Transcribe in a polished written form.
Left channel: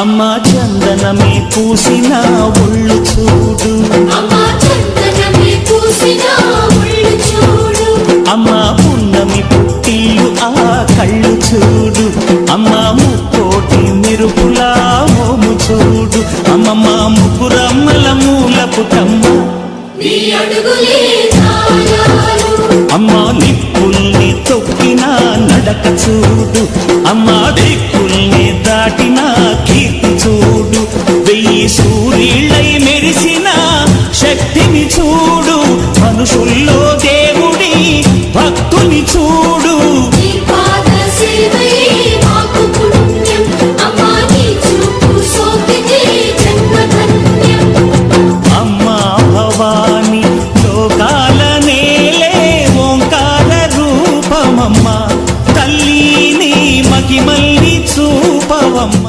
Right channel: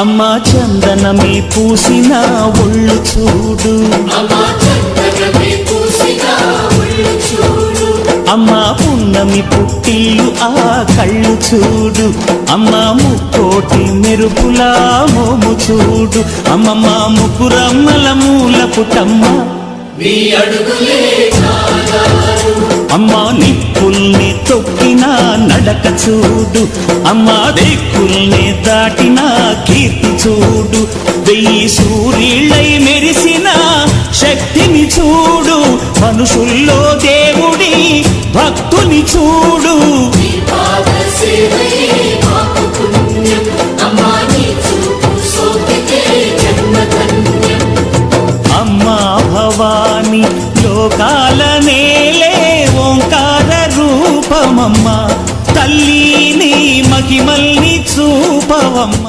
అమ్మా చందనమే పూసిన ఒళ్ళు చూడు, అమ్మా పున్నమి పుట్టిల్లు ఆ కళ్ళు చూడు, అమ్మా ముక్కోటి మెరుపులా మోము చూడు, అమ్మమ్మ ముగ్గురమ్మల మూల పుటమ్మ అమ్మా నిప్పుల్ని తొక్కిన నడక చూడు, అమ్మా దిక్కుల్ని దాటిన కీర్తి చూడు, 1000 సూర్యుళ్ళై మెరిసిన శక్తిని చూడు, మనుషుల్లో దేవుడి భక్తుని చూడు. అమ్మా భవాని లోకాల నేలే ఓంకార రూపమమ్మ, తల్లిని మహిమల్ని చూపవమ్మ.